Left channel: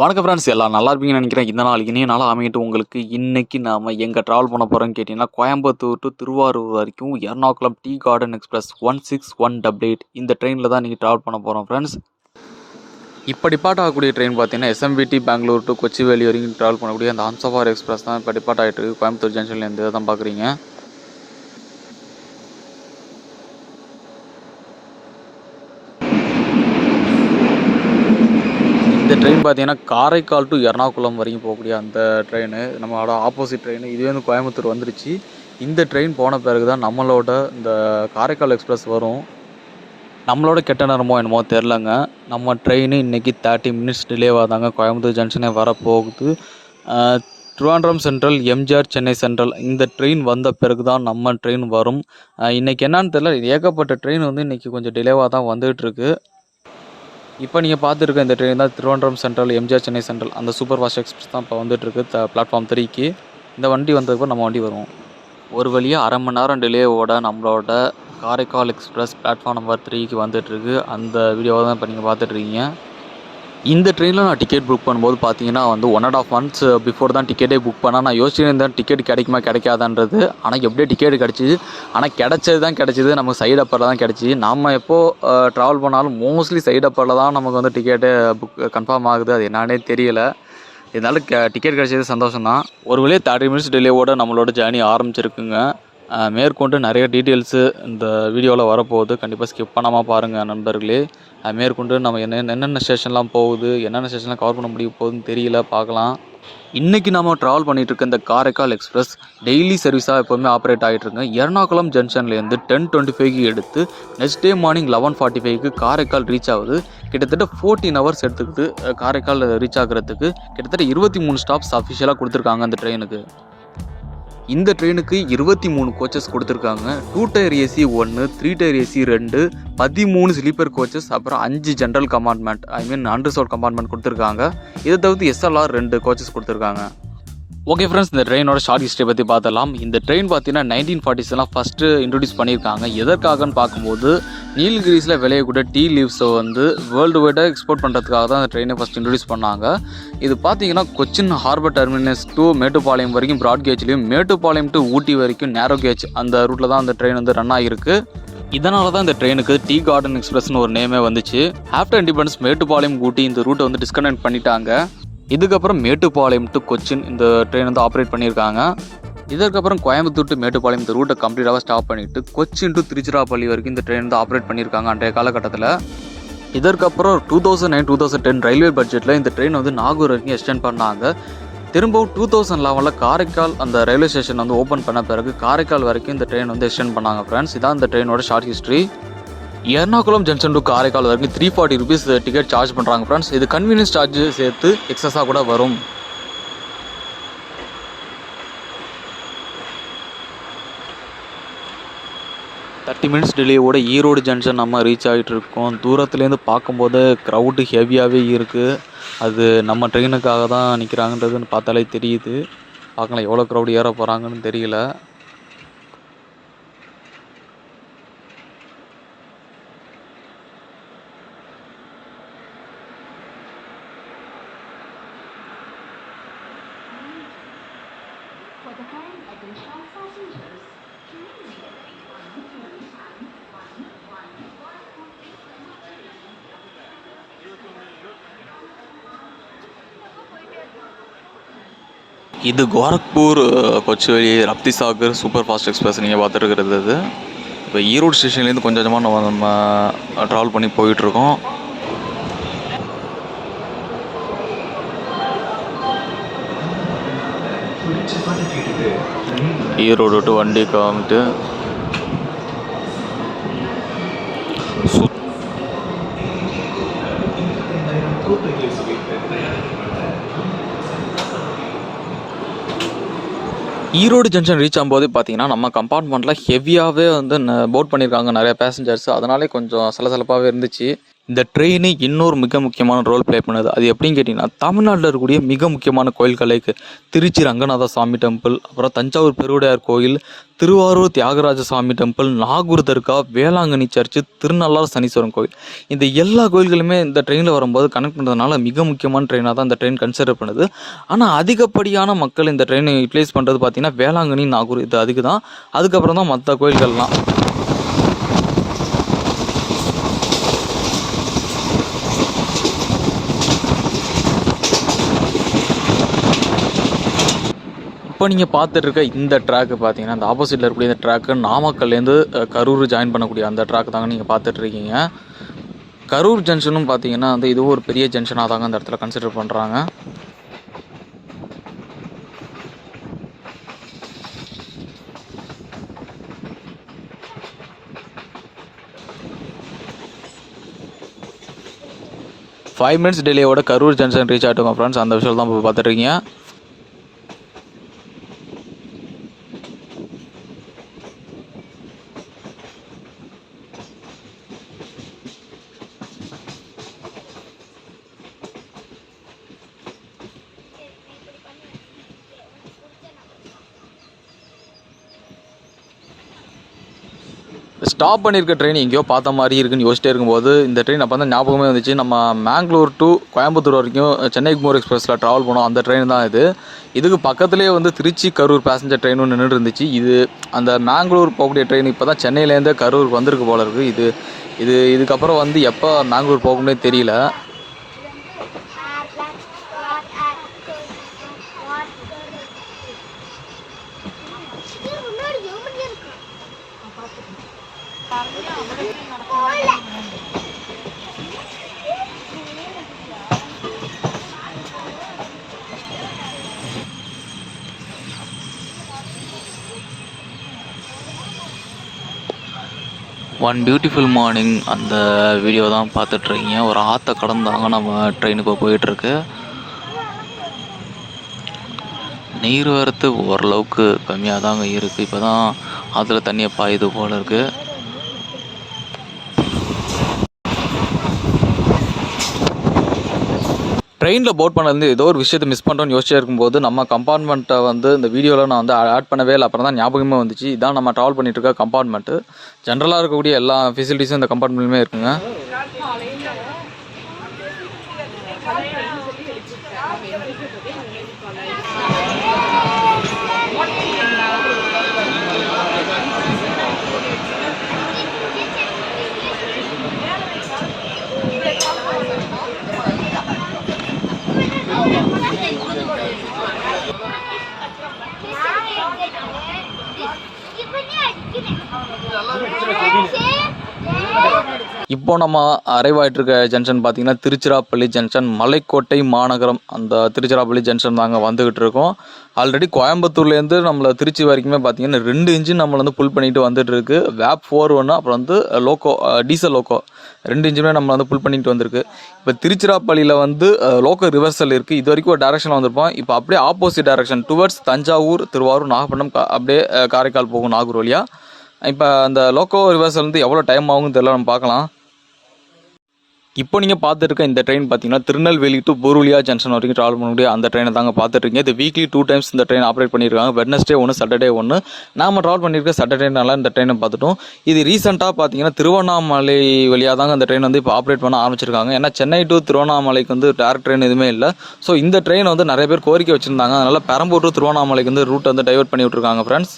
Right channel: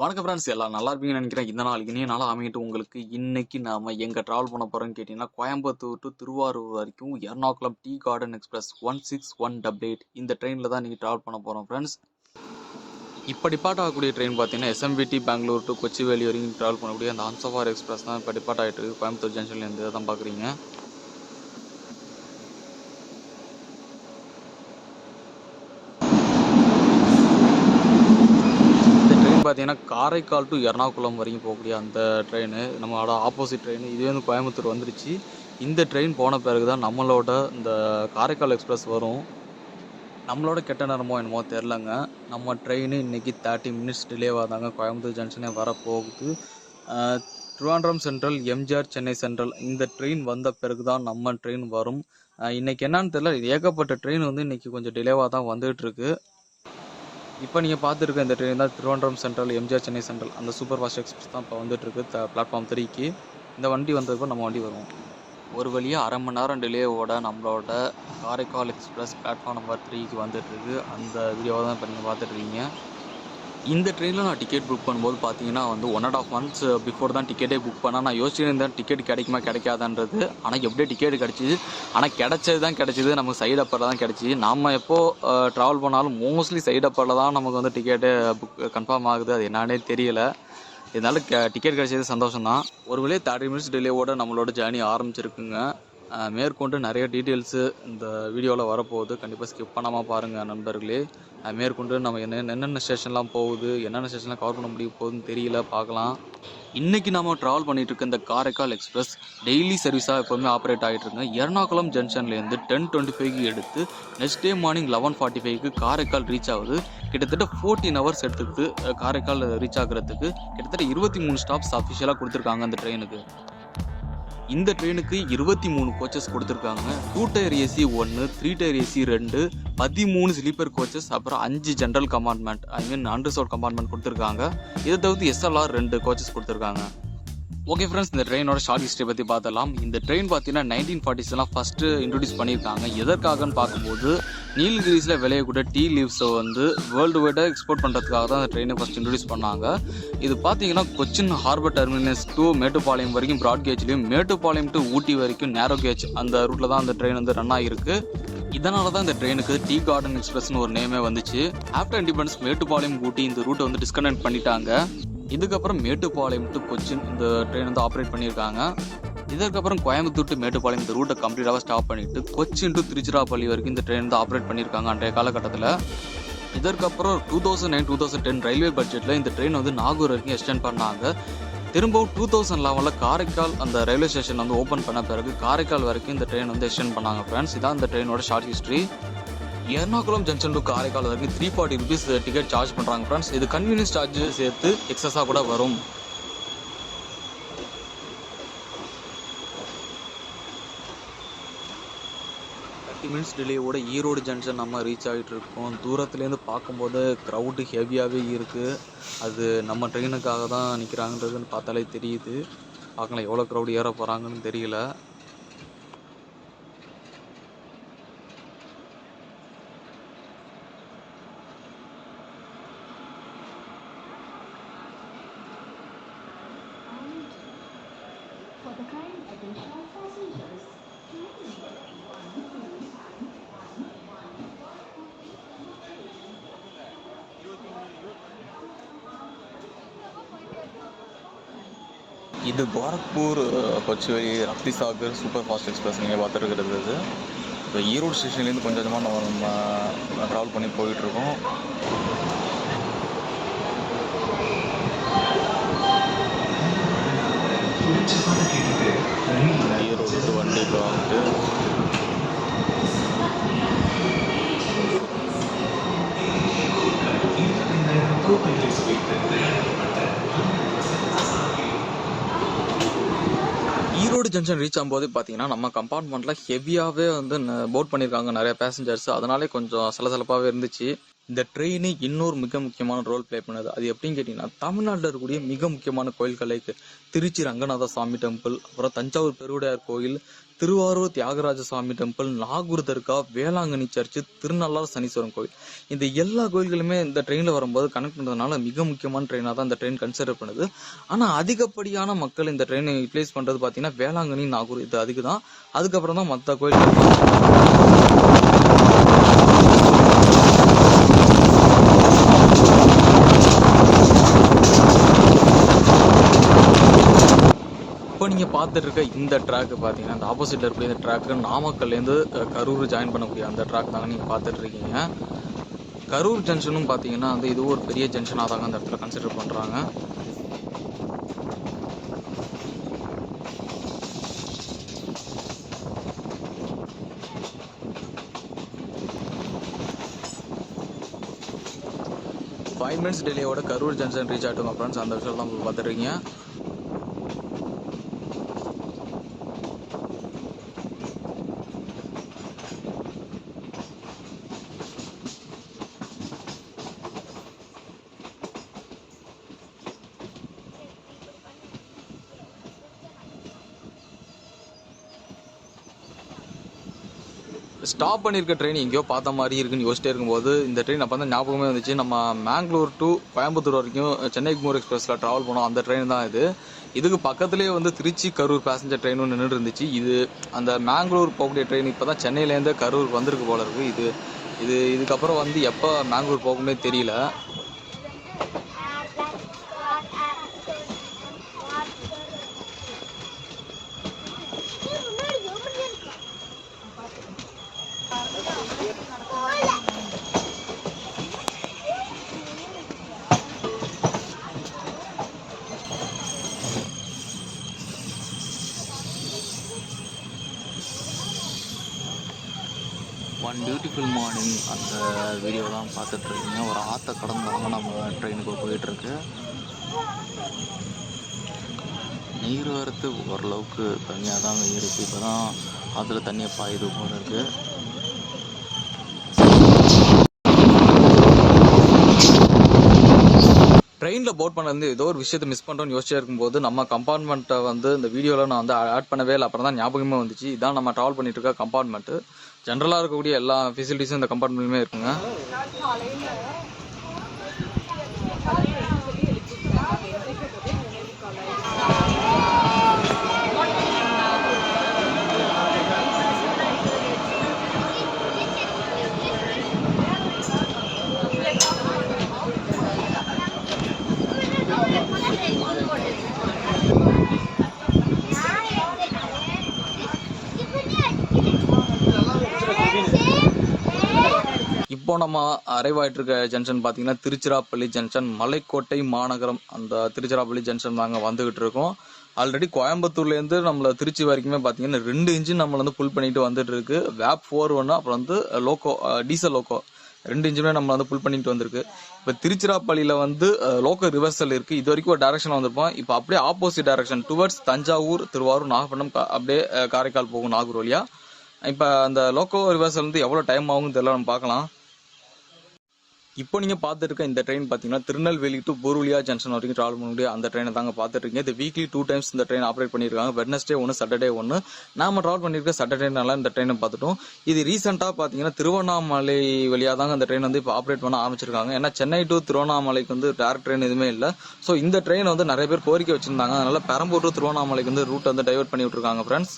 வணக்கம் ஃப்ரெண்ட்ஸ், எல்லாம் நல்லா இருப்பீங்கன்னு நினைக்கிறேன். இந்த நாள் இனிய நாளாக அமையட்டு உங்களுக்கு. இன்னைக்கு நாம் எங்கே ட்ராவல் பண்ண போகிறோம்னு கேட்டிங்கன்னா, கோயம்புத்தூர் டு திருவாரூர் வரைக்கும் எர்ணாகுளம் டீ கார்டன் எக்ஸ்பிரஸ் 16188 இந்த ட்ரெயினில் தான் நீங்கள் ட்ராவல் பண்ண போகிறோம் ஃப்ரெண்ட்ஸ். இப்போ டிபார்ட் ஆகக்கூடிய ட்ரெயின் பார்த்தீங்கன்னா எஸ்எம்பிடி பெங்களூர் டு கொச்சிவேலி வரைக்கும் ட்ராவல் பண்ணக்கூடிய அந்த ஹம்சஃபார் எக்ஸ்பிரஸ் தான் இப்போ டிபார்ட் ஆகிட்டு இருக்கு. கோயம்புத்தூர் ஜங்ஷன்லேருந்து தான் பார்க்குறீங்க. இந்த ட்ரெயின் பார்த்தீங்கன்னா காரைக்கால் டு எர்ணாகுளம் வரைக்கும் போகக்கூடிய அந்த ட்ரெயின், நம்மளோட ஆப்போசிட் ட்ரெயின். இதுவே வந்து கோயம்புத்தூர் வந்துருச்சு. இந்த ட்ரெயின் போன பிறகு தான் நம்மளோட இந்த காரைக்கால் எக்ஸ்பிரஸ் வரும். நம்மளோட கெட்ட நேரமோ என்னமோ தெரிலங்க, நம்ம ட்ரெயின் இன்றைக்கி 30 மினிட்ஸ் டிலேவாக தாங்க கோயம்புத்தூர் ஜங்ஷனே வரப்போகுது. திருவாண்டம் சென்ட்ரல், எம்ஜிஆர், சென்னை சென்ட்ரல் இந்த ட்ரெயின் வந்த பிறகு தான் நம்ம ட்ரெயின் வரும். இன்றைக்கி என்னான்னு தெரில, ஏகப்பட்ட ட்ரெயின் வந்து இன்றைக்கி கொஞ்சம் டிலேவாக தான் வந்துகிட்ருக்கு. இப்போ நீங்கள் பார்த்துருக்க இந்த ட்ரெயின் தான் திருவனந்தபுரம் சென்ட்ரல், எம்ஜிஆர், சென்னை சென்ட்ரல் அந்த சூப்பர் ஃபாஸ்ட் எக்ஸ்பிரஸ் தான் இப்போ வந்துட்டுருக்கு பிளாட்ஃபார்ம் 3க்கு. இந்த வண்டி வந்ததுக்கு நம்ம வண்டி வரும். ஒரு வழியாக அரை மணி நேரம் டிலேவோட நம்மளோட காரைக்கால் எக்ஸ்பிரஸ் பிளாட்ஃபார்ம் நம்பர் 3க்கு வந்துட்டுருக்கு. அந்த வீடியோவை தான் இப்போ நீங்கள் பார்த்துட்ருக்கீங்க. இந்த ட்ரெயினில் நான் டிக்கெட் புக் பண்ணும்போது பார்த்தீங்கன்னா வந்து 1.5 months பிஃபோர் தான் டிக்கெட்டே புக் பண்ணால். நான் யோசிச்சுருந்தேன் டிக்கெட் கிடைக்குமா கிடைக்காதான்றது. ஆனால் எப்படியே டிக்கெட் கிடச்சிது. ஆனால் கிடச்சது தான் கிடச்சிது, நமக்கு சைடு அப்பரில் தான் கிடச்சிது. நம்ம எப்போது ட்ராவல் பண்ணாலும் மோஸ்ட்லி சைடு அப்பரில் தான் நமக்கு வந்து டிக்கெட்டு புக் கன்ஃபார்ம் ஆகுது. அது என்னன்னே தெரியலை. இதனால் டிக்கெட் கிடச்சது சந்தோஷம் தான். ஒரு வழியாக 30 மினிட்ஸ் டிலேவோடு நம்மளோட ஜேர்னி ஆரம்பிச்சிருக்குங்க. மேற்கொண்டு நிறைய டீட்டெயில்ஸு இந்த வீடியோவில் வரப்போகுது. கண்டிப்பாக ஸ்கிப் பண்ணாமல் பாருங்கள் நண்பர்களே. மேற்கொண்டு நம்ம என்னென்ன ஸ்டேஷன்லாம் போகுது, என்னென்ன ஸ்டேஷன்லாம் கவர் பண்ண முடிய போகுதுன்னு தெரியல, பார்க்கலாம். இன்றைக்கி நம்ம ட்ராவல் பண்ணிகிட்டு இருக்க இந்த காரைக்கால் எக்ஸ்பிரஸ் டெய்லி சர்வீஸாக எப்போவுமே ஆப்ரேட் ஆகிட்டுருங்க. எர்ணாகுளம் ஜங்ஷன்லேருந்து 10:25க்கு எடுத்து நெக்ஸ்ட் டே மார்னிங் 11:45க்கு காரைக்கால் ரீச் ஆகுது. கிட்டத்தட்ட 14 hours எடுத்துக்கிட்டு காரைக்கால் ரீச் ஆகிறதுக்கு கிட்டத்தட்ட 23 ஸ்டாப்ஸ் அஃபிஷியலாக கொடுத்துருக்காங்க அந்த ட்ரெயினுக்கு. இந்த ட்ரெயினுக்கு 23 கோச்சஸ் கொடுத்துருக்காங்க. 2 tyre AC 1, 3 tyre AC 2, 13 sleeper coaches, அப்புறம் 5 ஜென்ரல் கம்பார்ட்மெண்ட், அன்ரிசர்வ்ட் கம்பார்ட்மெண்ட் கொடுத்துருக்காங்க. இதை தவிர்த்து எஸ்எல்ஆர் 2 கோச்சஸ் கொடுத்துருக்காங்க. ஓகே ஃப்ரெண்ட்ஸ், இந்த ட்ரெயினோட ஷார்ட் ஹிஸ்ட்ரி பற்றி பார்த்தலாம். இந்த ட்ரெயின் பார்த்தீங்கன்னா 1940s ஃபஸ்ட்டு இன்ட்ரடியூஸ் பண்ணியிருக்காங்க. எதற்காகன்னு பார்க்கும்போது நீலகிரிஸில் விளையக்கூடிய டீ லீவ்ஸை வந்து வேர்ல்டு வைடாக எக்ஸ்போர்ட் பண்ணுறதுக்காக தான் அந்த ட்ரெயினை ஃபஸ்ட் இன்ட்ரடியூஸ் பண்ணாங்க. இது பார்த்தீங்கன்னா Cochin harbour terminus to Mettupalayam வரைக்கும் ப்ராட் கேஜ்லேயும், மேட்டுப்பாளையம் டு ஊட்டி வரைக்கும் நேரோ கேஜ் அந்த ரூட்டில் தான் அந்த ட்ரெயின் வந்து ரன் ஆகிருக்கு. இதனால தான் இந்த ட்ரெயினுக்கு டீ கார்டன் எக்ஸ்பிரஸ்னு ஒரு நேமே வந்துச்சு. ஆஃப்டர் இண்டிபெண்டன்ஸ் மேட்டுப்பாளையம் ஊட்டி இந்த ரூட்டை வந்து டிஸ்கனெக்ட் பண்ணிட்டாங்க. இதுக்கப்புறம் மேட்டுப்பாளையம் டு கொச்சின் இந்த ட்ரெயின் வந்து ஆப்ரேட் பண்ணியிருக்காங்க. இதற்கப்புறம் கோயம்புத்தூர் டு மேட்டுப்பாளையம் இந்த ரூட்டை கம்ப்ளீட்டாக ஸ்டாப் பண்ணிவிட்டு கொச்சின் டு திருச்சிராப்பள்ளி வரைக்கும் இந்த ட்ரெயின் வந்து ஆப்ரேட் பண்ணியிருக்காங்க அன்றைய காலகட்டத்தில். இதற்கப்புறம் 2009-2010 ரயில்வே பட்ஜெட்டில் இந்த ட்ரெயின் வந்து நாகூர் வரைக்கும் எக்ஸ்டெண்ட் பண்ணாங்க. திரும்பவும் 2011 காரைக்கால் அந்த ரயில்வே ஸ்டேஷன் வந்து ஓப்பன் பண்ண பிறகு காரைக்கால் வரைக்கும் இந்த ட்ரெயின் வந்து எக்ஸ்டெண்ட் பண்ணாங்க ஃப்ரெண்ட்ஸ். இதான் இந்த ட்ரெயினோட short history. Ernakulam junction to Karaikal வரைக்கும் 340 rupees டிக்கெட் சார்ஜ் பண்ணுறாங்க ஃப்ரெண்ட்ஸ். இது கன்வீனியன்ஸ் சார்ஜ் சேர்த்து எக்ஸஸாக கூட வரும். தேர்ட்டி மினிட்ஸ் டிலேவோட ஈரோடு ஜங்ஷன் நம்ம ரீச் ஆகிட்டு இருக்கோம். தூரத்துலேருந்து பார்க்கும்போது க்ரௌடு ஹெவியாகவே இருக்குது. அது நம்ம ட்ரெயினுக்காக தான் நிற்கிறாங்கன்றதுன்னு பார்த்தாலே தெரியுது. பார்க்கலாம் எவ்வளோ க்ரௌடு ஏற போகிறாங்கன்னு தெரியல. இது Gorakhpur Kochuveli Raptisagar super fast express நீங்கள் பார்த்துருக்கிறது. அது இப்போ ஈரோடு ஸ்டேஷன்லேருந்து கொஞ்சம் கொஞ்சமாக நம்ம ட்ராவல் பண்ணி போயிட்டுருக்கோம். ஈரோடு டு வண்டிக்கு வந்துட்டு ஈரோடு ஜங்ஷன் ரீச் ஆகும்போது பார்த்தீங்கன்னா நம்ம கம்பார்ட்மெண்ட்டில் ஹெவியாகவே வந்து போட் பண்ணியிருக்காங்க நிறைய பேசஞ்சர்ஸ். அதனாலே கொஞ்சம் சலசலப்பாகவே இருந்துச்சு. இந்த ட்ரெயின் இன்னொரு மிக முக்கியமான ரோல் ப்ளே பண்ணுது. அது எப்படின்னு கேட்டிங்கன்னா, தமிழ்நாட்டில் இருக்கக்கூடிய மிக முக்கியமான கோயில்கள் லைக் திருச்சி ரங்கநாத சுவாமி டெம்பிள், அப்புறம் தஞ்சாவூர் பெருவுடையார் கோயில், திருவாரூர் தியாகராஜ சுவாமி டெம்பிள், நாகூர் தர்கா, வேளாங்கண்ணி சர்ச்சு, திருநள்ளாறு சனீஸ்வரன் கோயில். இந்த எல்லா கோயில்களுமே இந்த ட்ரெயினில் வரும்போது கனெக்ட் பண்ணுறதுனால மிக முக்கியமான ட்ரெயினாக தான் இந்த ட்ரெயின் கன்சிடர் பண்ணுது. ஆனால் அதிகப்படியான மக்கள் இந்த ட்ரெயினை யூட்டிலைஸ் பண்ணுறது பார்த்திங்கன்னா வேளாங்கண்ணி, நாகூர் இது அதுக்கு தான். அதுக்கப்புறம் தான் மற்ற கோயில்கள் தான். இப்போ நீங்கள் பார்த்துட்டு இருக்க இந்த ட்ராக்கு பார்த்தீங்கன்னா, இந்த ஆப்போசிட்டில் இருக்கக்கூடிய இந்த ட்ராக்கு நாமக்கல்லேருந்து கரூர் ஜாயின் பண்ணக்கூடிய அந்த ட்ராக் தாங்க நீங்கள் பார்த்துட்டு இருக்கீங்க. கரூர் ஜங்ஷனும் பார்த்தீங்கன்னா வந்து இதுவும் ஒரு பெரிய ஜங்ஷனாக தாங்க அந்த இடத்துல கன்சிடர் பண்ணுறாங்க. ஃபைவ் மினிட்ஸ் டிலேயோட கரூர் ஜங்ஷன் ரீச் ஆகிட்டோங்க ஃப்ரெண்ட்ஸ். அந்த விஷயம் தான் இப்போ பார்த்துட்ருக்கீங்க. ஸ்டாப் பண்ணியிருக்க ட்ரெயின் எங்கேயோ பார்த்த மாதிரி இருக்குன்னு யோசிச்சிட்டே இருக்கும்போது இந்த ட்ரெயின் அப்போ தான் ஞாபகமே வந்துச்சு. நம்ம மேங்களூர் டு கோயம்புத்தூர் வரைக்கும் சென்னை குமோர் எக்ஸ்பிரஸில் ட்ராவல் பண்ணோம். அந்த ட்ரெயின் தான் இது. இதுக்கு பக்கத்துலேயே வந்து திருச்சி கரூர் பேசஞ்சர் ட்ரெயினும் நின்றுட்டு இருந்துச்சு. இது அந்த மேங்களூர் போகக்கூடிய ட்ரெயின் இப்போ தான் சென்னையிலேருந்து கரூர் வந்திருக்கு போல இருக்குது. இதுக்கப்புறம் வந்து எப்போ மேங்களூர் போகணும்னே தெரியல. ஒன் பியூட்டிஃபுல் மார்னிங் அந்த வீடியோ தான் பார்த்துட்ருக்கீங்க. ஒரு ஆற்றை கடந்தாங்க நம்ம ட்ரெயின் இப்போ போயிட்டுருக்கு. நீர் வரத்து ஓரளவுக்கு கம்மியாக தாங்க இருக்குது. இப்போ தான் ஆற்றுல தண்ணியை பாயுது போல் இருக்குது. ட்ரெயினில் போட் பண்ணது ஏதோ ஒரு விஷயத்தை மிஸ் பண்ணுறோன்னு யோசிச்சே இருக்கும்போது நம்ம கம்பார்ட்மெண்ட்டை வந்து இந்த வீடியோவில் நான் வந்து ஆட் பண்ணவே இல்லை. அப்புறம் தான் ஞாபகமே வந்துச்சு. இதான் நம்ம ட்ராவல் பண்ணிட்டு இருக்க கம்பார்ட்மெண்ட்டு. ஜென்ரலாக இருக்கக்கூடிய எல்லா ஃபெசிலிட்டிஸும் இந்த கம்பார்ட்மெண்ட்லையுமே இருக்குங்க. இப்போ நம்ம அரைவ் ஆகிட்டுருக்க ஜங்ஷன் பார்த்தீங்கன்னா திருச்சிராப்பள்ளி ஜங்ஷன், மலைக்கோட்டை மாநகரம். அந்த திருச்சிராப்பள்ளி ஜங்ஷன் தாங்க வந்துக்கிட்டு இருக்கோம். ஆல்ரெடி கோயம்புத்தூர்லேருந்து நம்மளை திருச்சி வரைக்குமே பார்த்தீங்கன்னா 2 இன்ஜின் நம்மளை வந்து புல் பண்ணிட்டு வந்துட்டு இருக்கு. வேப் 4 அப்புறம் வந்து லோக்கோ டீசல் லோக்கோ 2 இன்ஜினுமே நம்மளை வந்து புல் பண்ணிட்டு வந்திருக்கு. இப்போ திருச்சிராப்பள்ளியில் வந்து லோக்கோ ரிவர்சல் இருக்குது. இது வரைக்கும் ஒரு டேரக்ஷனில் வந்திருப்போம். இப்போ அப்படியே opposite direction towards Thanjavur, Thiruvarur, Nagapattinam, அப்படியே காரைக்கால் போகும் நாகூர் வழியாக. இப்போ அந்த லோக்கோ ரிவர்சல் வந்து எவ்வளோ டைம் ஆகும்னு தெரியல, நம்ம பார்க்கலாம். இப்போ நீங்கள் பார்த்துருக்க இந்த ட்ரெயின் பார்த்தீங்கன்னா திருநெல்வேலி டு புருலியா ஜங்ஷன் வரைக்கும் ட்ராவல் பண்ணக்கூடிய அந்த ட்ரெயினை தாங்க பார்த்துட்ருக்கீங்க. இது வீக்லி 2 டைம்ஸ் இந்த ட்ரெயின் ஆப்ரேட் பண்ணியிருக்காங்க. Wednesday 1, Saturday 1. நாம் ட்ராவல் பண்ணியிருக்க சாட்டர்டேனால இந்த ட்ரெயினை பார்த்துட்டோம். இது ரீசெண்டாக பார்த்தீங்கன்னா திருவண்ணாமலை வழியாக தாங்க இந்த ட்ரெயின் வந்து இப்போ ஆப்ரேட் பண்ண ஆரம்பிச்சிருக்காங்க. ஏன்னா சென்னை டு திருவண்ணாமலைக்கு வந்து டேரக்ட் ட்ரெயின் எதுவுமே இல்லை. ஸோ இந்த ட்ரெயின் வந்து நிறைய பேர் கோரிக்கை வச்சுருந்தாங்க. அதனால் பெரம்பூர் டு திருவண்ணாமலைக்கு வந்து ரூட் வந்து டைவர்ட் பண்ணி விட்ருக்காங்க ஃப்ரெண்ட்ஸ்.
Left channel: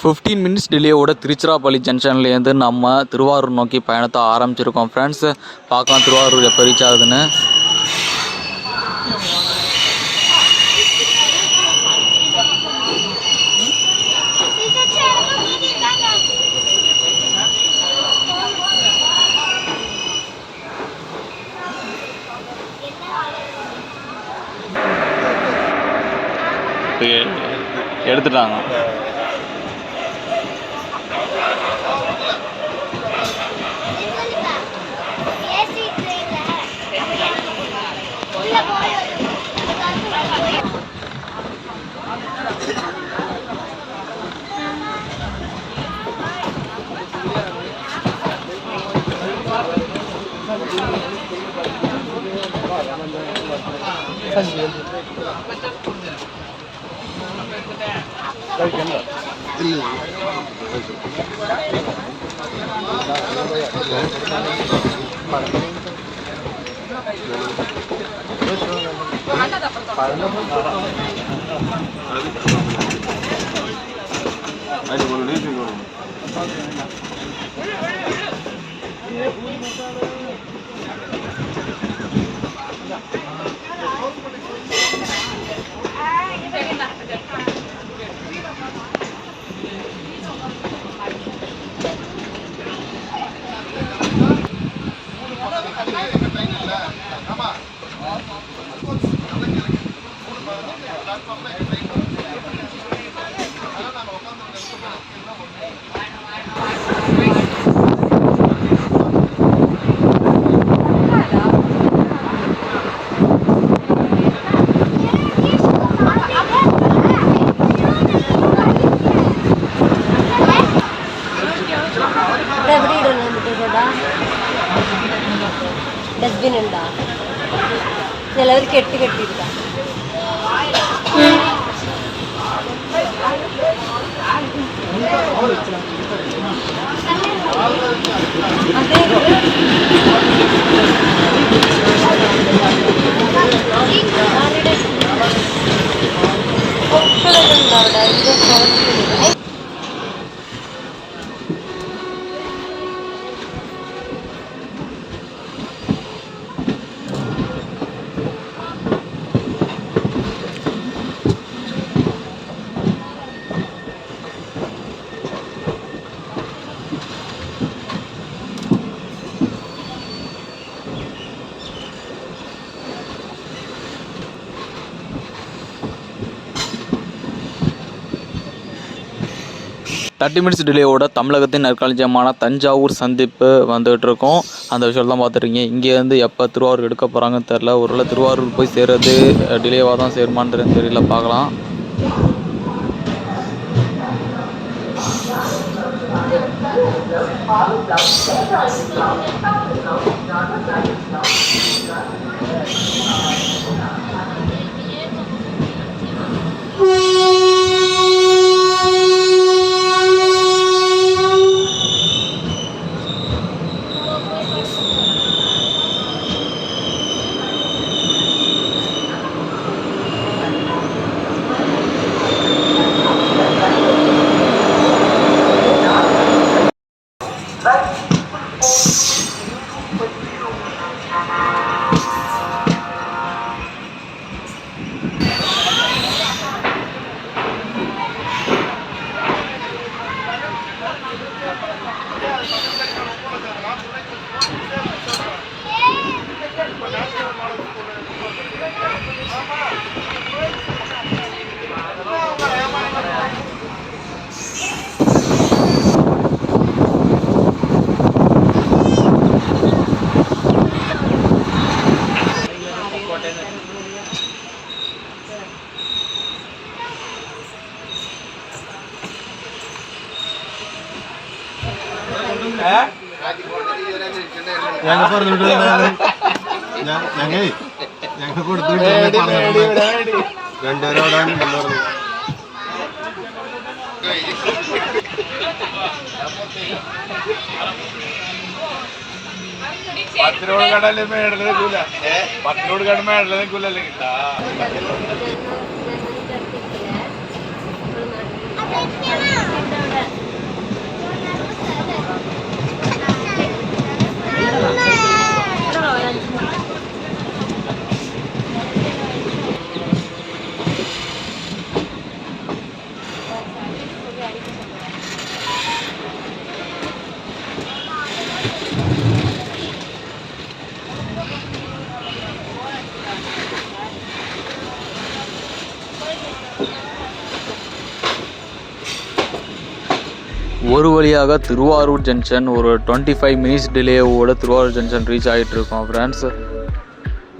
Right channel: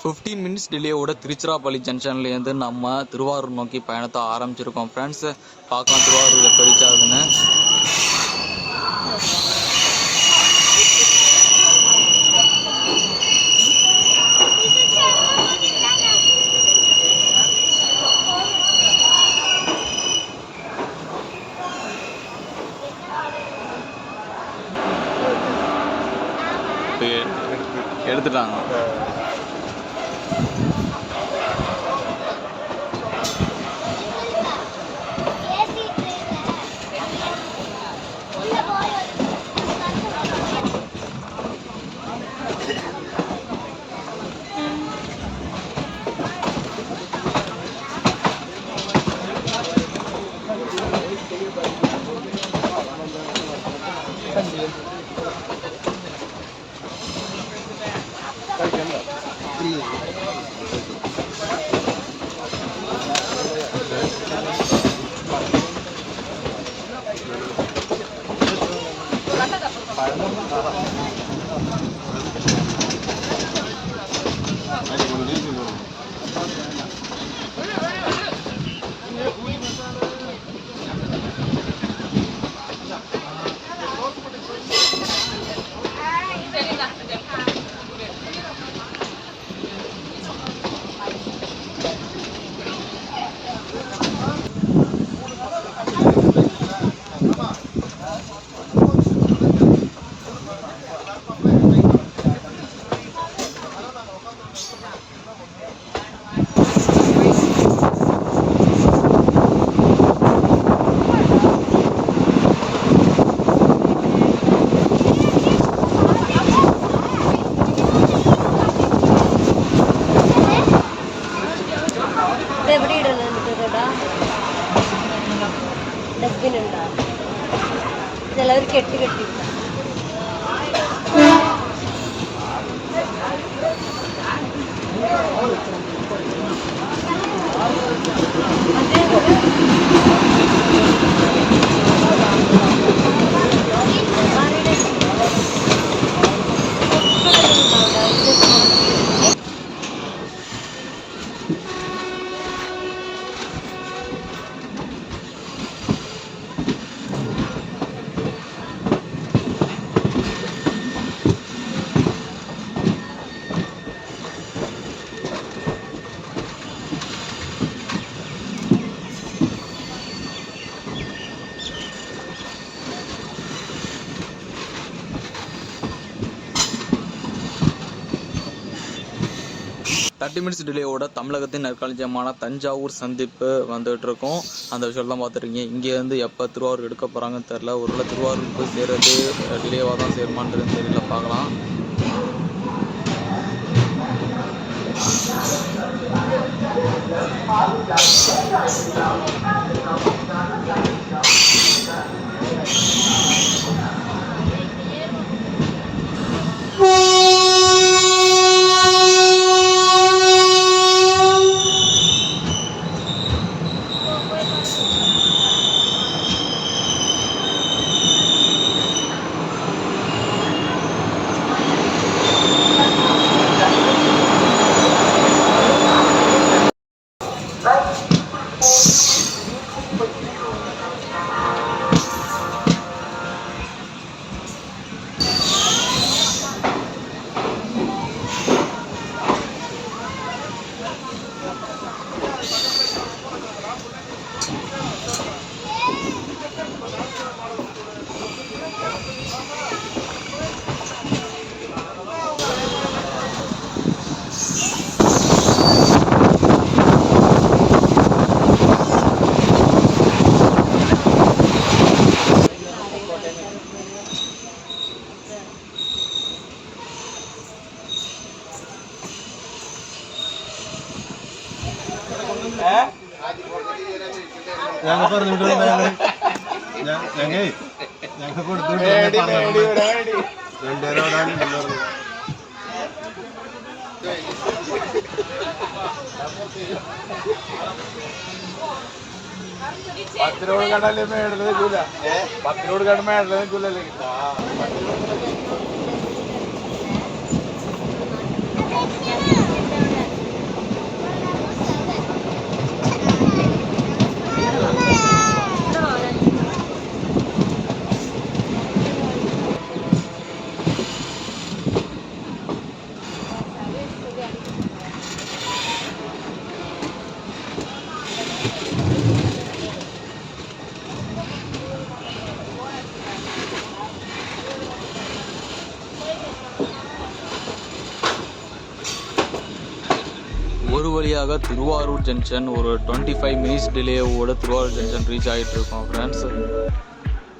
ஃபிஃப்டீன் மினிட்ஸ் டிலேயோட திருச்சிராப்பள்ளி ஜங்ஷன்லேருந்து நம்ம திருவாரூர் நோக்கி பயணத்தை ஆரம்பிச்சிருக்கோம் ஃப்ரெண்ட்ஸ். பார்க்கலாம் திருவாரூர் எப்போ ரீச் ஆகுதுன்னு. எடுத்துட்டாங்க. ഡസ്റ്റ്ബിൻ ഉണ്ടോ? ചിലവർ കെട്ടി കെട്ടിയിട്ടാ. தேர்ட்டி மினிட்ஸ் டிலேயோட தமிழகத்தின் நற்களஞ்சியமான தஞ்சாவூர் சந்திப்பு வந்துகிட்டு இருக்கோம். அந்த விஷயம் தான் பார்த்துருக்கீங்க. இங்கேருந்து எப்போ திருவாரூர் எடுக்க போகிறாங்கன்னு தெரில. ஒருவேளை திருவாரூர் போய் சேர்றது டிலேவாக தான் சேருமான்னு தெரியல, பார்க்கலாம். പത്തിനോട് കടല് മേടല് നിൽക്കൂല. പത്തിനോട് കട മേടല് നിൽക്കൂലല്ലേ കിട്ടാ. ஒரு வழியாக திருவாரூர் ஜங்ஷன் ஒரு 25 மினிட்ஸ் டிலேவோட திருவாரூர் ஜங்ஷன் ரீச் ஆகிட்டு இருக்கோம் ஃப்ரெண்ட்ஸ்.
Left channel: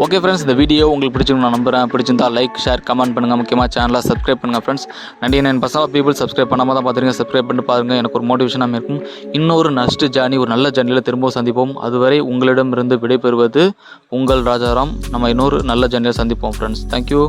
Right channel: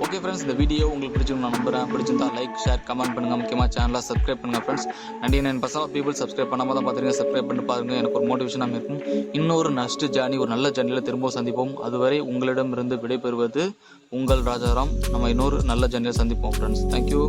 ஓகே ஃப்ரெண்ட்ஸ், இந்த வீடியோ உங்களுக்கு பிடிச்சிருக்கு நான் நம்புகிறேன். பிடிச்சிருந்தா லைக், ஷேர், கமெண்ட் பண்ணுங்கள். முக்கியமாக சேனலை சப்ஸ்கிரைப் பண்ணுங்கள் ஃப்ரெண்ட்ஸ். 99% பீப்புள் சப்ஸ்கிரைப் பண்ணாமல் தான் பார்த்துருங்க. சப்ஸ்கிரைப் பண்ணி பாருங்கள், எனக்கு ஒரு மோட்டிவேஷனாக இருக்கும். இன்னொரு நெக்ஸ்ட் ஜேர்னி, ஒரு நல்ல ஜேர்னியில் திரும்பவும் சந்திப்போம். அதுவரை உங்களிடமிருந்து விடைபெறுவது உங்கள் ராஜாராம். நம்ம இன்னொரு நல்ல ஜேர்னியில் சந்திப்போம் ஃப்ரெண்ட்ஸ். தேங்க்யூ.